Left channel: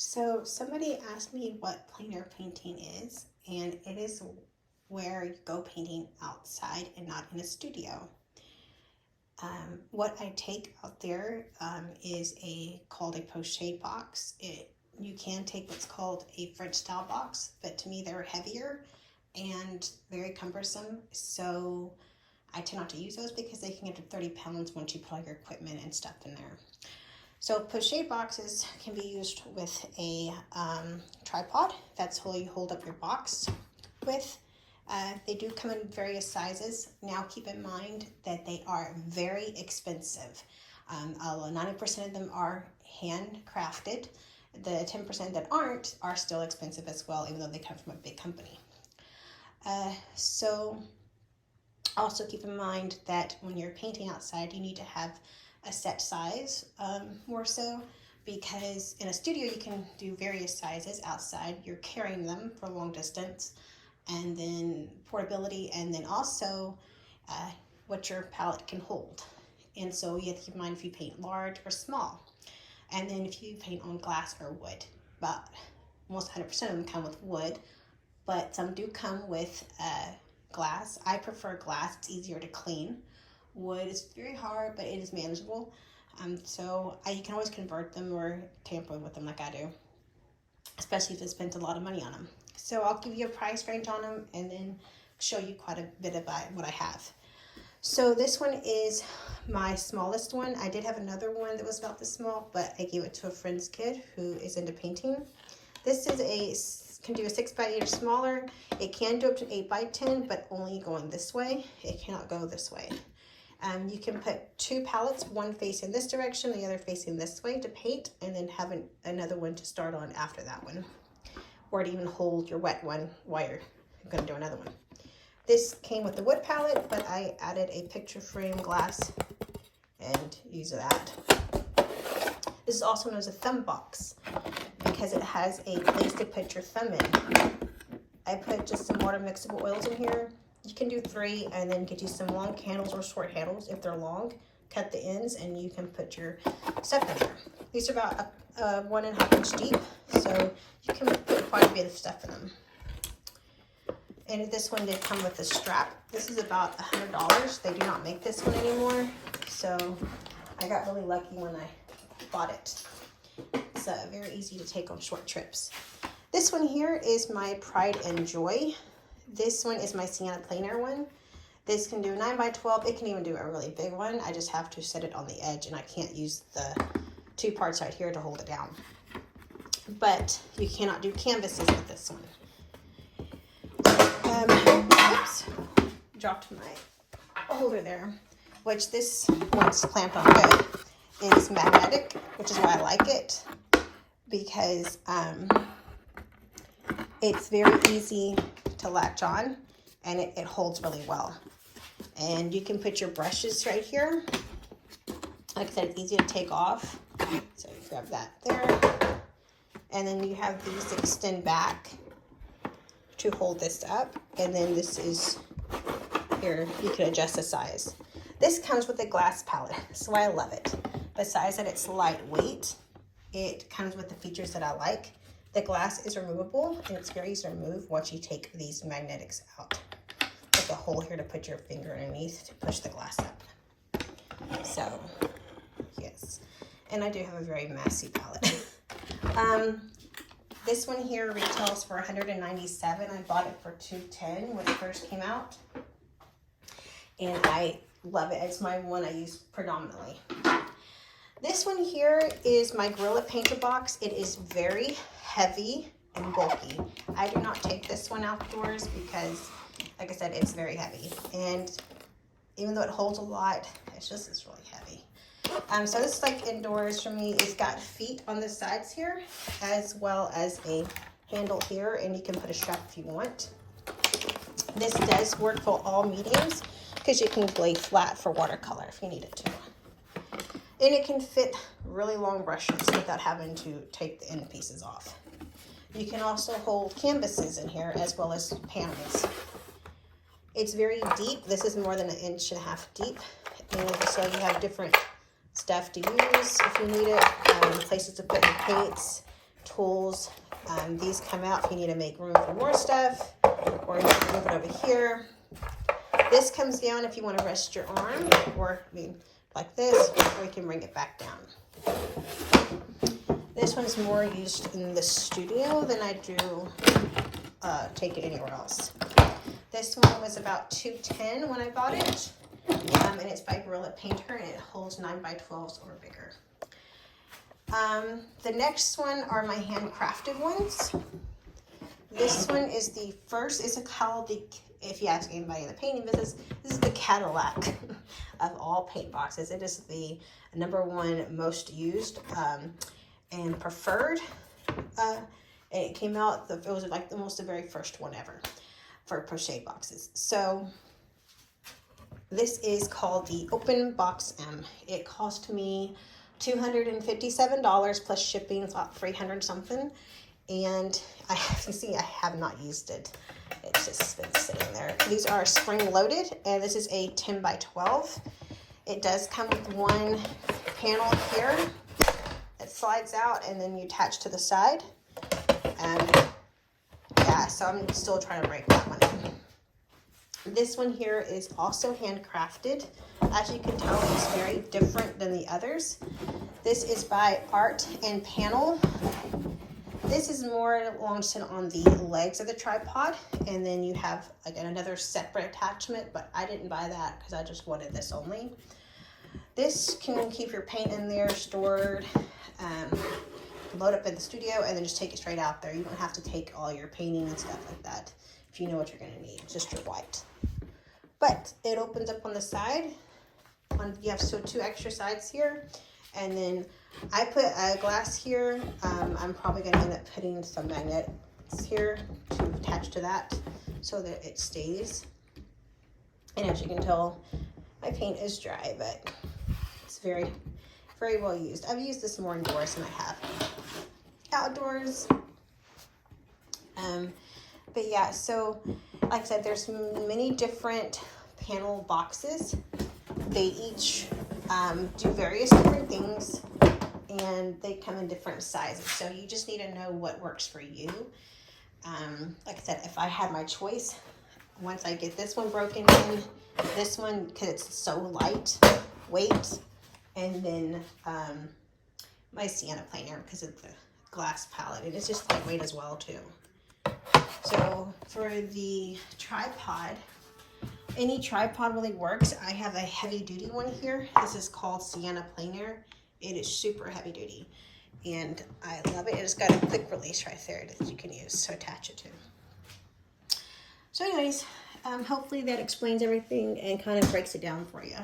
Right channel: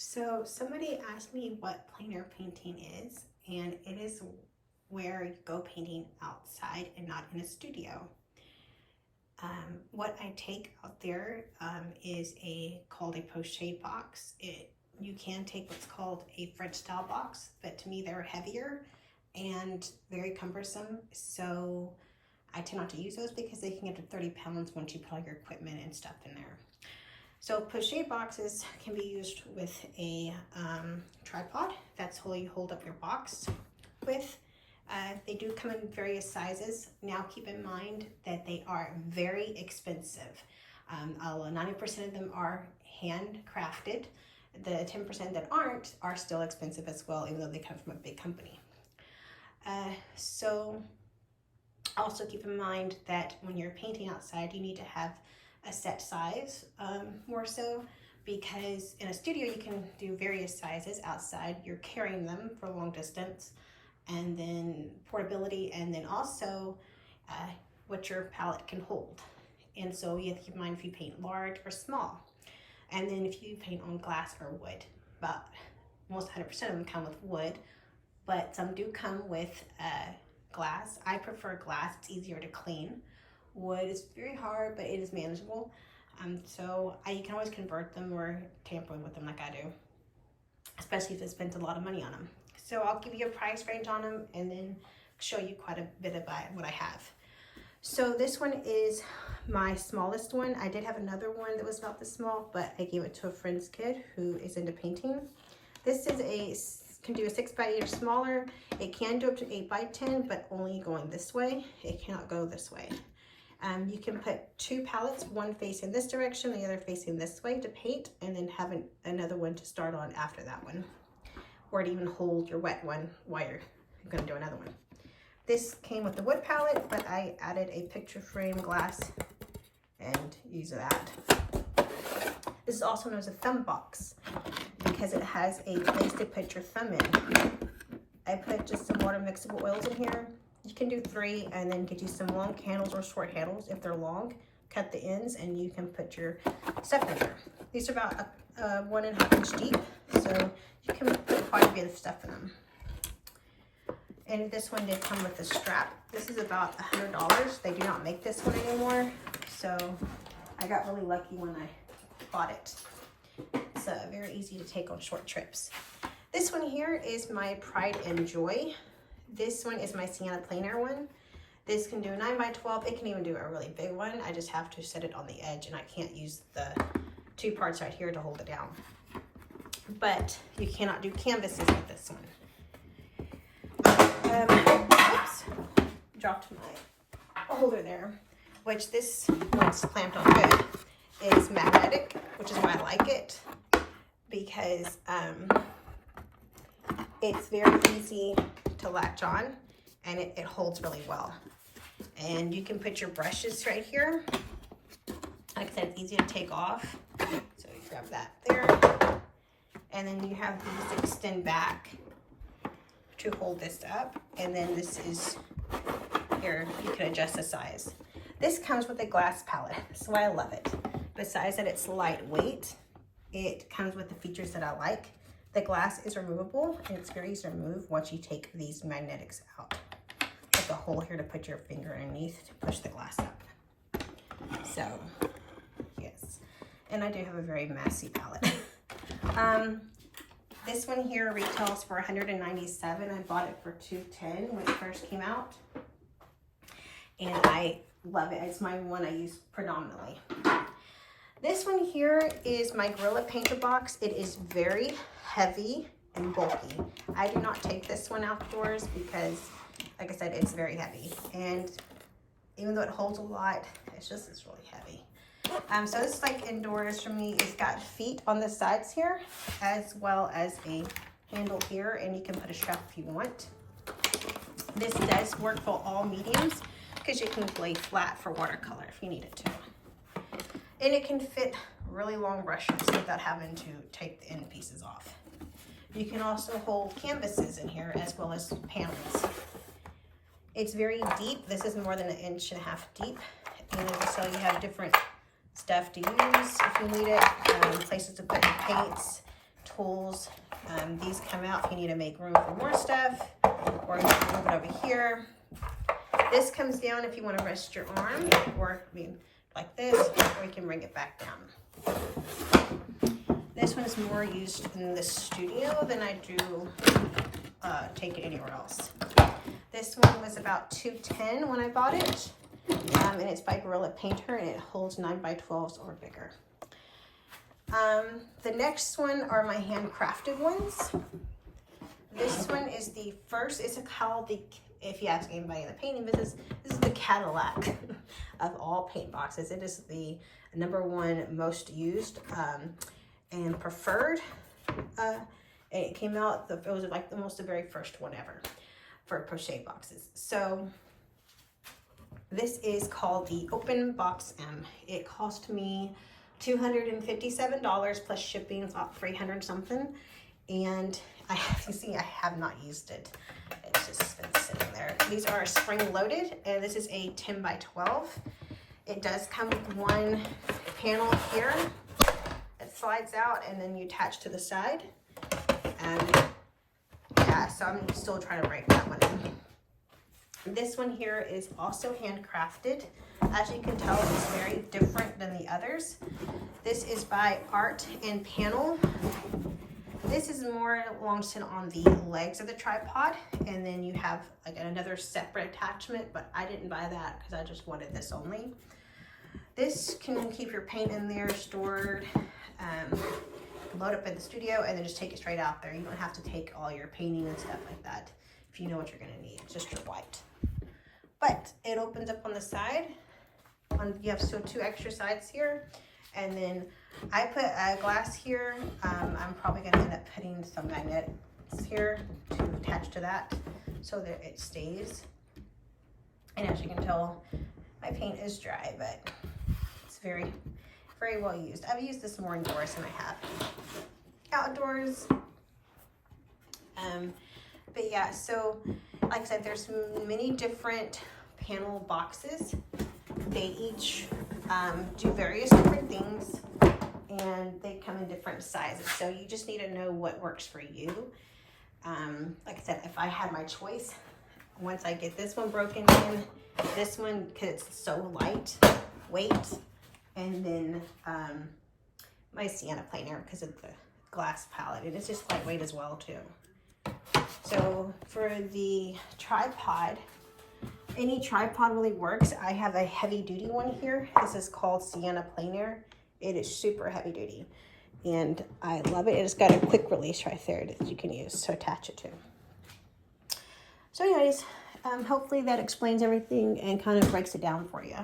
So somebody asked me what plein air painting is, and it is where you go painting outside and not in a studio. What I take out there is called a pochade box. You can take what's called a French style box, but to me they're heavier and very cumbersome. So I tend not to use those because they can get to 30 pounds once you put all your equipment and stuff in there. So pochade boxes can be used with a tripod. That's how you hold up your box with. They do come in various sizes. Now keep in mind that they are very expensive. 90% of them are handcrafted. The 10% that aren't are still expensive as well, even though they come from a big company. So also keep in mind that when you're painting outside, you need to have a set size, more so, because in a studio you can do various sizes. Outside you're carrying them for long distance, and then portability, and then also what your palette can hold. And so you have to keep in mind if you paint large or small, and then if you paint on glass or wood. But almost 100% of them come with wood, but some do come with glass. I prefer glass, it's easier to clean. Wood is very hard, but it is manageable. So you can always convert them or tamper with them like I do, especially if it spent a lot of money on them. So I'll give you a price range on them and then show you quite a bit about what I have. So this one is my smallest one. I did have another one that was about this small, but I gave it to a friend's kid who is into painting. This is can do a 6x8 or smaller. It can do up to 8x10, but only going this way. It cannot go this way. You can put two palettes, one facing this direction, the other facing this way to paint, and then have another one to start on after that one, or to even hold your wet one while you're going to do another one. This came with the wood palette, but I added a picture frame glass and use that. This is also known as a thumb box because it has a place to put your thumb in. I put just some water mixable oils in here. You can do 3 and then get you some long handles or short handles. If they're long, cut the ends and you can put your stuff in there. These are about 1.5 inch deep, so you can put quite a bit of stuff in them. And this one did come with a strap. This is about $100. They do not make this one anymore, so I got really lucky when I bought it. It's very easy to take on short trips. This one here is my Pride and Joy. This one is my sienna plein air one. This can do 9x12. It can even do a really big one. I just have to set it on the edge, and I can't use the 2 parts right here to hold it down. But you cannot do canvases with this one. Oops, dropped my holder there. Which this one's clamped on good. It's magnetic, which is why I like it, because it's very easy to latch on, and it holds really well. And you can put your brushes right here. Like I said, it's easy to take off. So you grab that there. And then you have these extend back to hold this up. And then this is here, you can adjust the size. This comes with a glass palette. That's why I love it. Besides that it's lightweight, it comes with the features that I like. The glass is removable, and it's very easy to remove once you take these magnetics out. There's a hole here to put your finger underneath to push the glass up. So, yes. And I do have a very messy palette. This one here retails for $197. I bought it for $210 when it first came out. And I love it. It's my one I use predominantly. This one here is my Gorilla Painter box. It is very heavy and bulky. I do not take this one outdoors because, like I said, it's very heavy. And even though it holds a lot, it's really heavy. So this is like indoors for me. It's got feet on the sides here, as well as a handle here, and you can put a strap if you want. This does work for all mediums because you can lay flat for watercolor if you need it to. And it can fit really long brushes without having to take the end pieces off. You can also hold canvases in here as well as panels. It's very deep. This is more than 1.5 inches deep. And so you have different stuff to use if you need it, places to put your paints, tools. These come out if you need to make room for more stuff, or you can move it over here. This comes down if you want to rest your arm, or I mean like this, or you can bring it back down. This one is more used in the studio than I do take it anywhere else. This one was about $2.10 when I bought it, and it's by Gorilla Painter, and it holds 9x12s or bigger. The next one are my handcrafted ones. This one is the first, it's called the, if you ask anybody in the painting business, this is the Cadillac of all paint boxes. It is the #1 most used and preferred. It came out, it was like almost the very first one ever for pochade boxes. So this is called the Open Box M. It cost me $257 plus shipping. It's about 300 something. And I have, see, I have not used it. It's just been sitting there. These are spring loaded, and this is a 10x12. It does come with one panel here. It slides out, and then you attach to the side. And yeah, so I'm still trying to break that one in. This one here is also handcrafted. As you can tell, it's very different than the others. This is by Art and Panel. This is more launched on the legs of the tripod, and then you have like another separate attachment, but I didn't buy that because I just wanted this only. This can keep your paint in there stored, load up in the studio, and then just take it straight out there. You don't have to take all your painting and stuff like that if you know what you're going to need, just your white. But it opens up on the side. You have two extra sides here, and then I put a glass here. I'm probably going to end up putting some magnets here to attach to that so that it stays. And as you can tell, my paint is dry, but it's very, very well used. I've used this more indoors than I have outdoors. But yeah, so like I said, there's many different panel boxes. They each do various different things, and they come in different sizes. So you just need to know what works for you. Like I said, if I had my choice, once I get this one broken in, this one, because it's so light weight, and then my sienna planer because of the glass palette. It is just lightweight as well too. So for the tripod, any tripod really works. I have a heavy duty one here. This is called Sienna Planer. It is super heavy duty, and I love it. It's got a quick release right there that you can use to attach it to. So anyways, hopefully that explains everything and kind of breaks it down for you.